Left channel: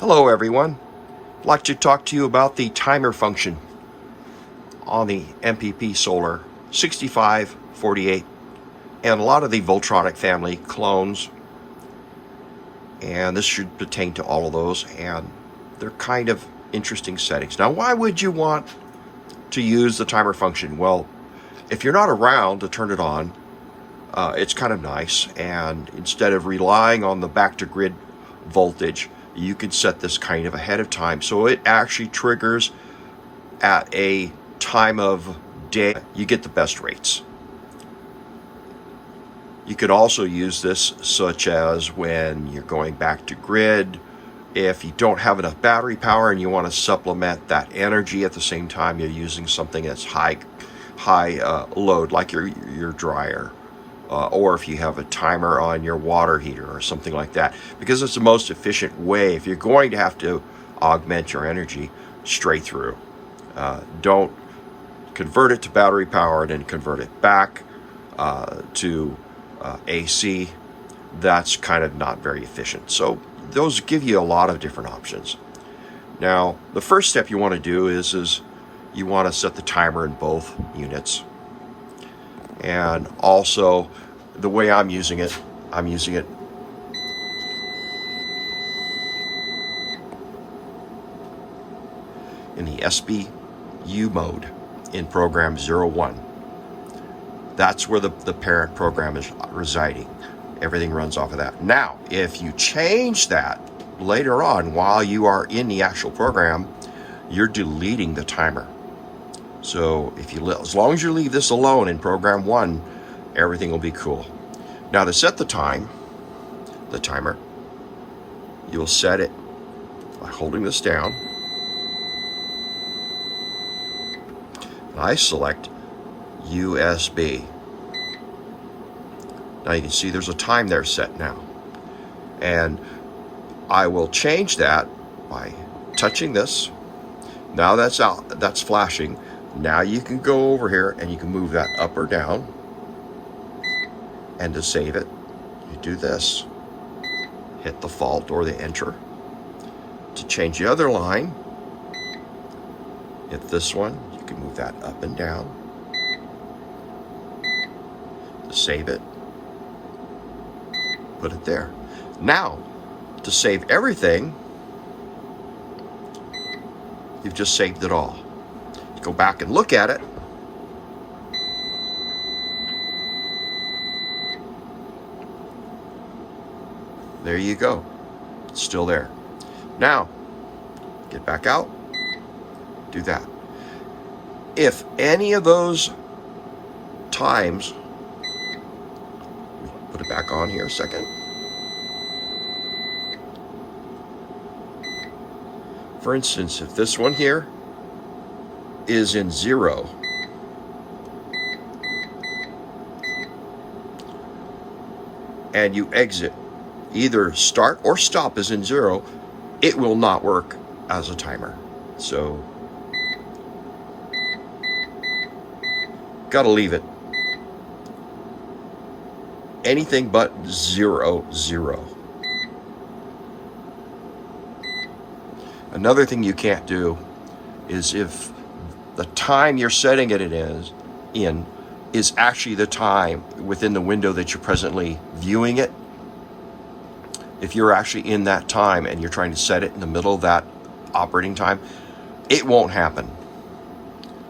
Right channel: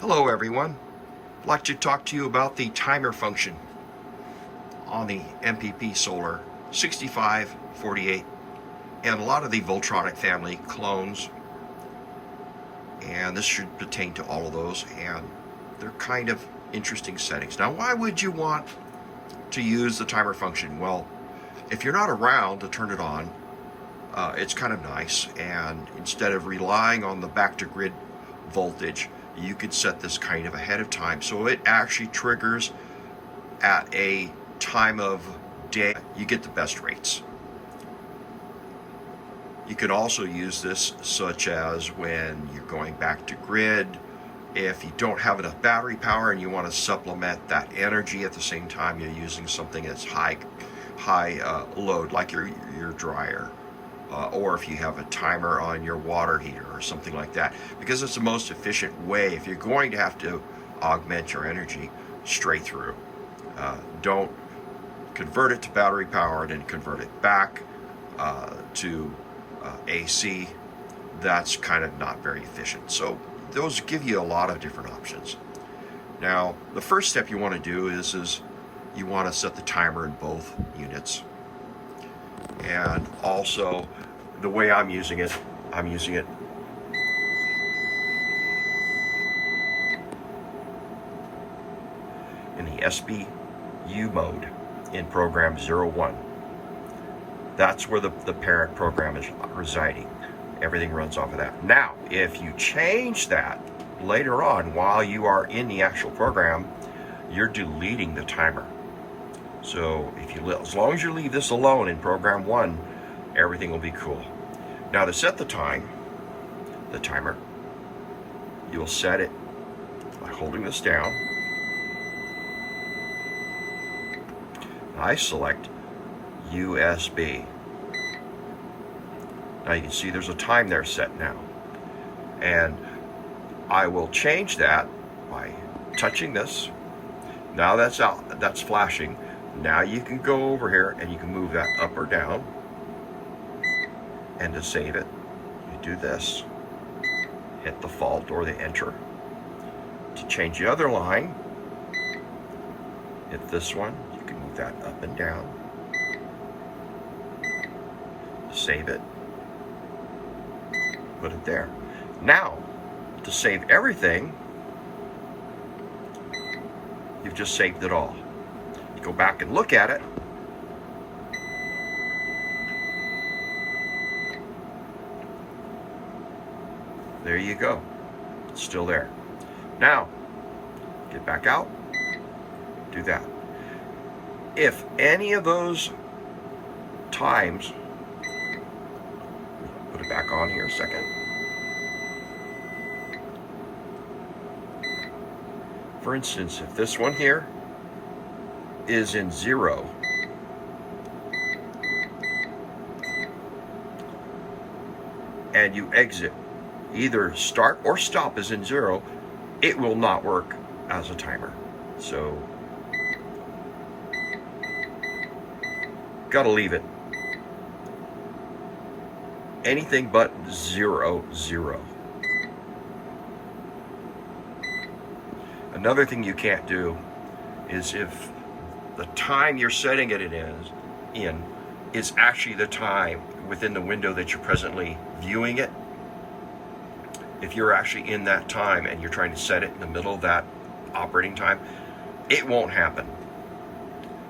Hello everyone, I'd like to talk to you about the timer function on the MPP solar 6548 and a lot of the Voltronic family clones, and this should pertain to all of those, and they're kind of interesting settings. Now, why would you want to use the timer function? Well, if you're not around to turn it on, it's kind of nice, and instead of relying on the back to grid voltage, you can set this kind of ahead of time, so it actually triggers at a time of day you get the best rates. You could also use this such as when you're going back to grid, if you don't have enough battery power and you want to supplement that energy at the same time you're using something that's high load, like your dryer, or if you have a timer on your water heater or something like that, because it's the most efficient way if you're going to have to augment your energy straight through. Don't convert it to battery power and then convert it back to AC. That's kind of not very efficient. So those give you a lot of different options. Now, the first step you want to do is you want to set the timer in both units. And also, the way I'm using it in the SBU mode in program 01. That's where the parent program is residing. Everything runs off of that. Now, if you change that later on while you are in the actual program, you're deleting the timer. So as long as you leave this alone in program 1, everything will be cool. Now, to set the timer, you'll set it by holding this down. I select USB. Now you can see there's a time there set now. And I will change that by touching this. Now that's out, that's flashing. Now you can go over here and you can move that up or down. And to save it, you do this. Hit the Alt or the Enter. To change the other line, hit this one. You can move that up and down. To save it, put it there. Now, to save everything, you've just saved it all. You go back and look at it. There you go. It's still there. Now, get back out. Do that. If any of those times, put it back on here a second. For instance, if this one here is in 0, and you exit, either start or stop is in 0, it will not work as a timer. So, gotta leave it. Anything but 0, 0. Another thing you can't do is if the time you're setting it is actually the time within the window that you're presently viewing it. If you're actually in that time and you're trying to set it in the middle of that operating time, it won't happen.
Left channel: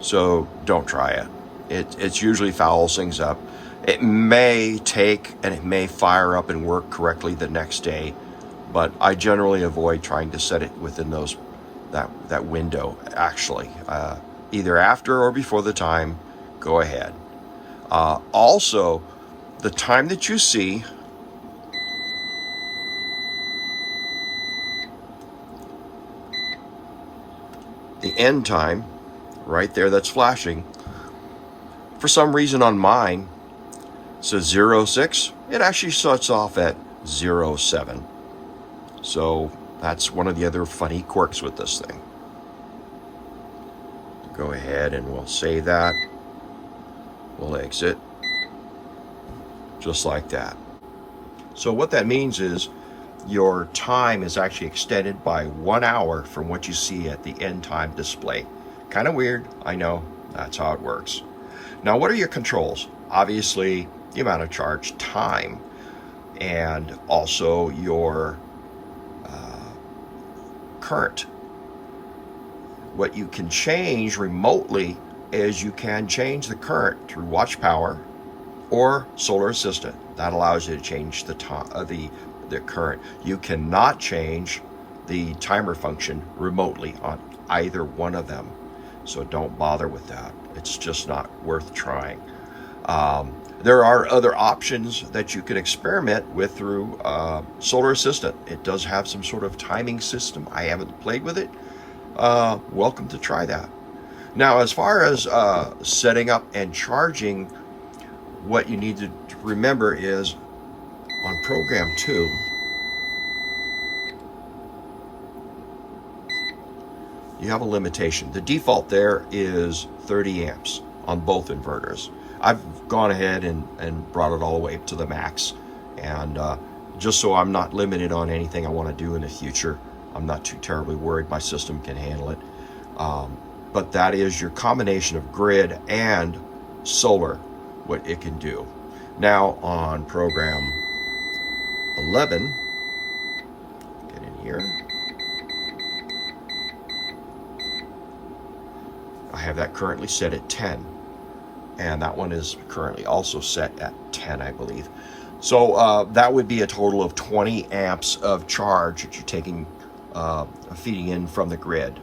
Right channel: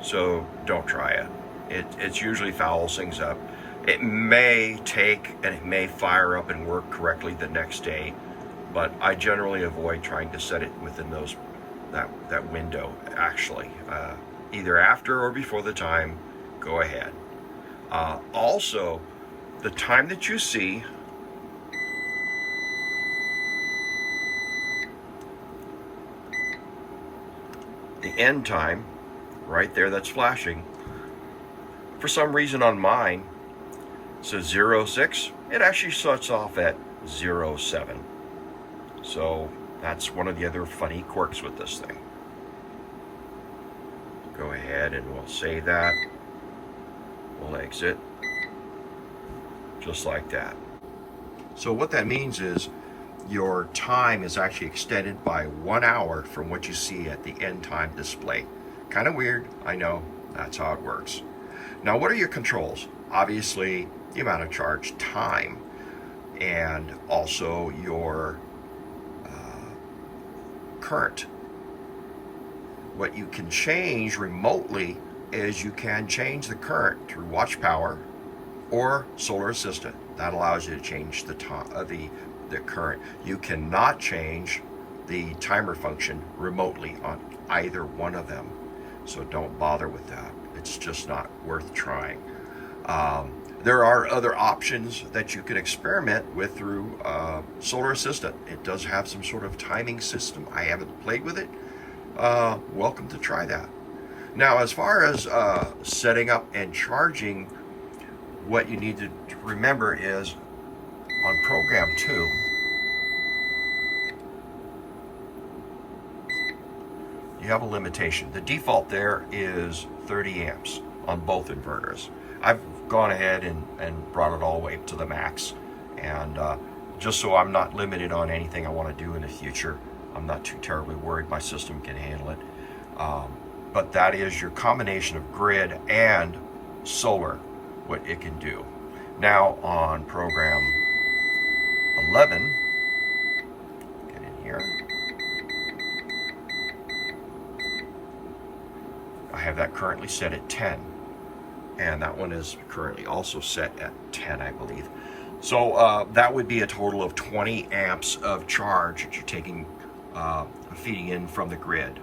So don't try it. It's usually fouls things up. It may take and it may fire up and work correctly the next day, but I generally avoid trying to set it within that window. Actually, either after or before the time, go ahead. Also, the time that you see, the end time, right there, that's flashing. For some reason on mine, says 06. It actually starts off at 07. So that's one of the other funny quirks with this thing. Go ahead and we'll save that. We'll exit. Just like that. So what that means is your time is actually extended by 1 hour from what you see at the end time display. Kind of weird, I know, that's how it works. Now, what are your controls? Obviously, the amount of charge time, and also your current. What you can change remotely is you can change the current through watch power or solar assistant. That allows you to change the current. You cannot change the timer function remotely on either one of them, so don't bother with that. It's just not worth trying. There are other options that you can experiment with through Solar Assistant. It does have some sort of timing system. I haven't played with it. Welcome to try that. Now, as far as setting up and charging, what you need to remember is on program 2, you have a limitation. The default there is 30 amps on both inverters. I've gone ahead and brought it all the way up to the max, and just so I'm not limited on anything I want to do in the future. I'm not too terribly worried. My system can handle it. But that is your combination of grid and solar, what it can do. Now on program 11, get in here. I have that currently set at 10. And that one is currently also set at 10, I believe. So that would be a total of 20 amps of charge that you're taking, feeding in from the grid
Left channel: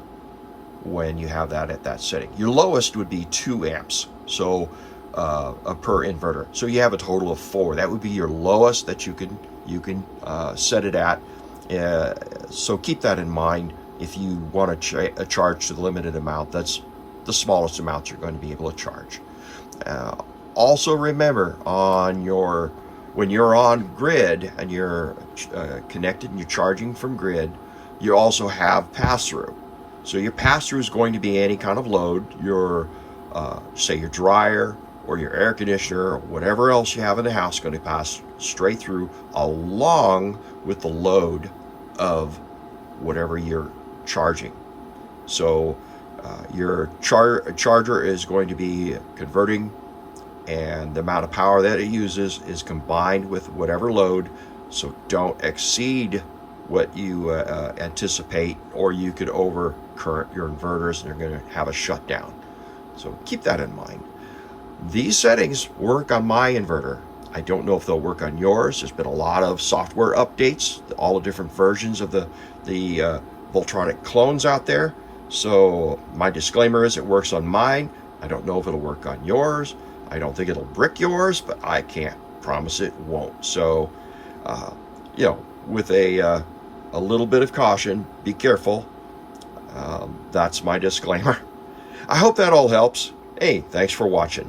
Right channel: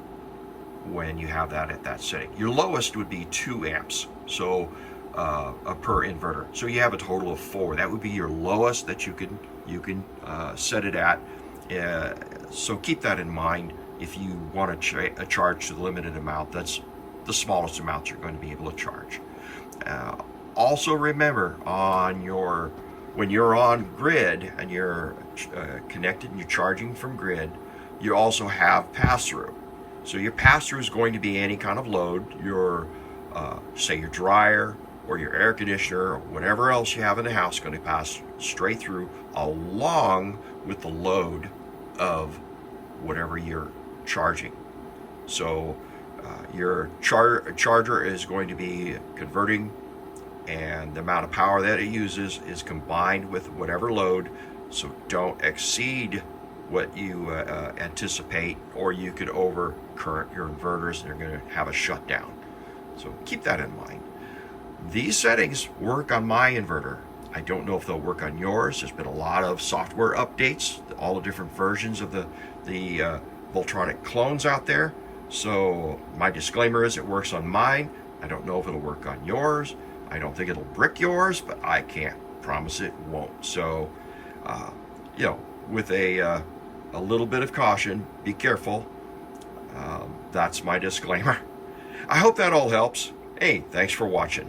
when you have that at that setting. Your lowest would be 2 amps, so per inverter. So you have a total of 4. That would be your lowest that you can set it at. So keep that in mind if you want to charge to the limited amount. That's the smallest amount you're going to be able to charge. Also remember, when you're on grid and you're connected and you're charging from grid, you also have pass-through. So your pass-through is going to be any kind of load, your say your dryer or your air conditioner or whatever else you have in the house, going to pass straight through along with the load of whatever you're charging. So your charger is going to be converting, and the amount of power that it uses is combined with whatever load. So don't exceed what you anticipate, or you could overcurrent your inverters and they're going to have a shutdown. So keep that in mind. These settings work on my inverter. I don't know if they'll work on yours. There's been a lot of software updates, all the different versions of the Voltronic clones out there. So my disclaimer is it works on mine. I don't know if it'll work on yours. I don't think it'll brick yours, but I can't promise it won't. So, with a little bit of caution, be careful. That's my disclaimer. I hope that all helps. Hey, thanks for watching.